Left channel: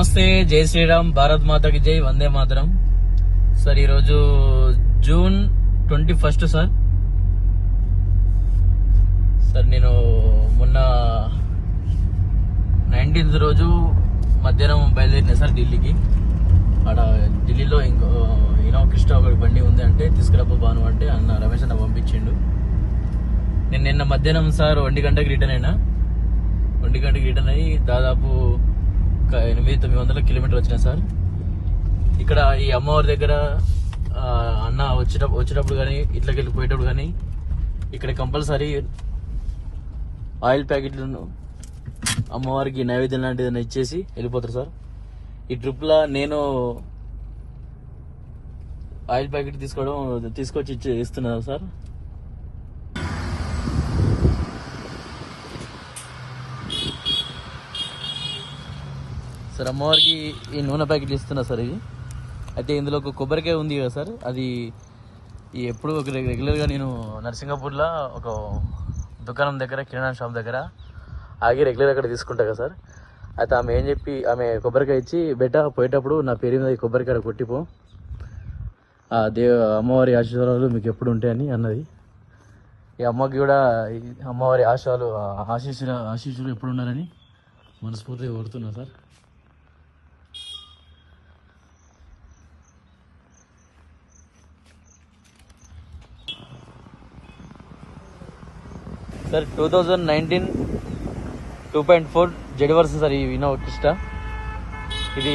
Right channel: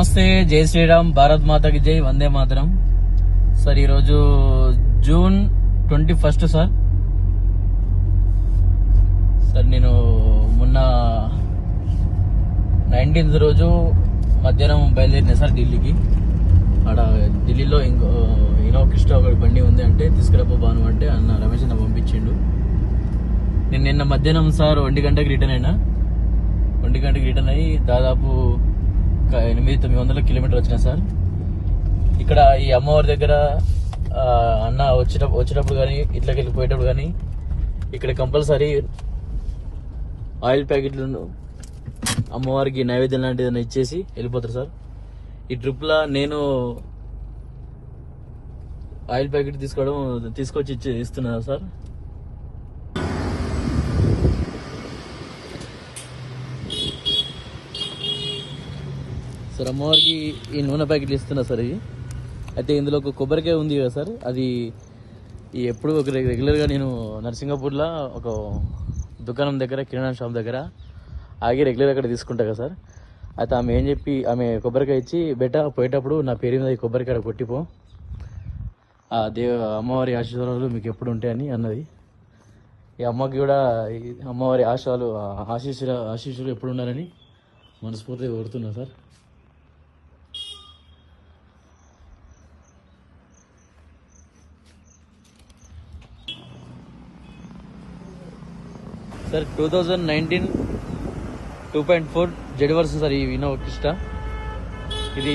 నమస్తే జై శ్రీరామ్ భారత్ మాతకి జై వందే మాతరం. సార్ ఈరోజు June twenty first sir. Sir నేను మొన్న నైన్టీన్త్ రోజు మధ్యాహ్నం బయలుదేరిన సార్ ఢిల్లీకి. ఆడ ఢిల్లీలో ఇంకో ఇనో ఒక బండి ఉంది అంటే తీసుకురాపో బాను అంటే అన్న రమేష్ అన్న పంపించిండు. నేను నిన్న మధ్యాహ్నం సార్ ఒంటి గంటకి రిటర్న్ అయినా. ఒంటి గంటకి రిటర్న్ అయ్యి దాదాపు ఒక ఎనిమిది తొమ్మిది వందల కిలోమీటర్ వచ్చినాయి సార్. ఇక్కడ ఈ అమ్మవారి దగ్గర అన్న వచ్చిన వచ్చేటప్పుడు కానీ ఇట్లకి వెళ్ళిపోయేటప్పుడు కానీ ఇక్కడ కంపల్సరీ ఆయిల్ ప్యాకెట్లు అమ్మవారికి నైవేద్యం లాంటిది ఏదైనా ఇచ్చేసి వెళ్ళిపోతారు సార్. ఈ ట్రిప్లో నేను ఆయిల్ ప్యాకెట్ తీసుకోవడం తీసుకొచ్చి ఇచ్చే ఇస్తున్నాను సార్. సార్ అమ్మవారికి ఈ నూనె ప్యాకెట్లు ఇస్తున్నా సార్ ఇవి. అయితే ఇందులో ఒక కొబ్బరికాయ ఉంది కదా సార్ అది ఈ ఎప్పుడు ఒక రెగ్యులర్గా నేను నర్సింగపూర్లో ఒక దుకాణం దగ్గర కిరాణా షాప్ దగ్గర ఆగి రెగ్యులర్ అక్కడ తీసుకుంటా కదా సార్. అయితే ఆమె ఏం చెప్పి ఆమె కొబ్బరికాయ ఇచ్చి బెట్ట పోయేటప్పుడు నా పేరు మీద ఈ కొబ్బరికాయ కొట్టిపో. దేవ అమ్మవారి ఆశీర్వాదాలు మీకు ఎప్పుడు ఉంటాయని అన్నది. ఈ అమ్మకి కూడా అమ్మవారి ఆశాలు ఆశీస్సులు ఆశీస్సులు ఎప్పుడు ఉన్నారని మనస్ఫూర్తిగా కోరుతున్నా sir. Sir two thousand nineteen two point four Z version sir ఈ వినో కిష్ట ఇది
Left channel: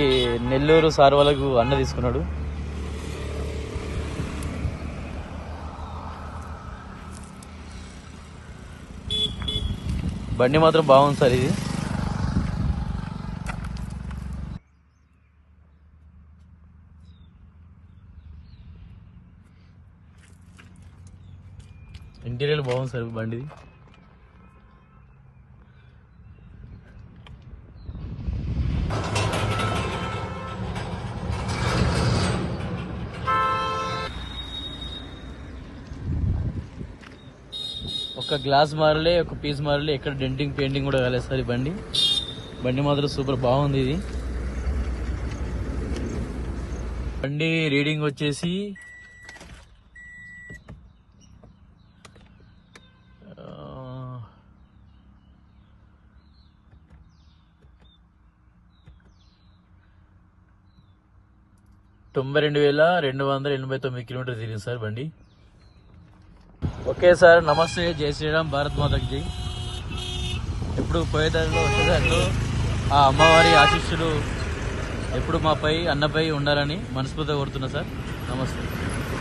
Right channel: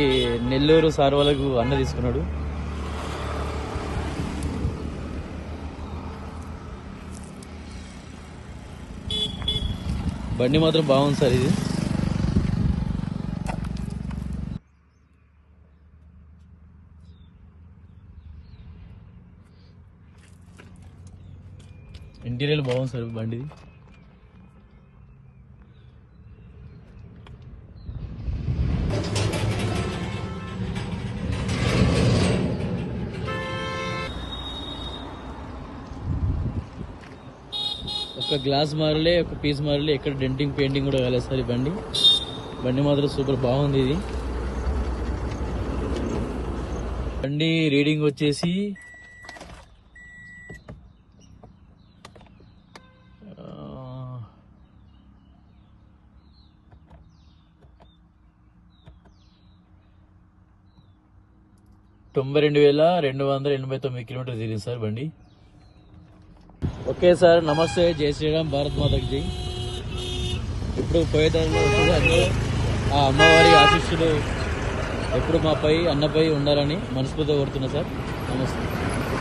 నెల్లూరు సార్ వాళ్ళకు అన్న తీసుకున్నాడు. బండి మాత్రం బాగుంది సార్ ఇది. ఇంటీరియర్ బాగుంది సార్ బండి. ఒక గ్లాస్ మారలే ఒక పీస్ మారలే ఎక్కడ డెంటింగ్ పెయింటింగ్ కూడా కాలేదు సార్ ఈ బండి. బండి మాత్రం సూపర్ బాగుంది ఇది. బండి రీడింగ్ వచ్చేసి తొంభై రెండు వేల రెండు వందల ఎనభై తొమ్మిది కిలోమీటర్ తిరిగింది సార్ బండి. ఓకే సార్ నమస్తే జై శ్రీరామ్ భారత్ మాతకి ఇప్పుడు ఎప్పుడు పోయేదారిలో వచ్చేదారిలో ఆ అమ్మవారి ఆశీస్సులు ఎప్పుడు మాపై అన్నపై ఉండాలని మనస్ఫూర్తిగా కోరుతున్నా సార్. నమస్తే.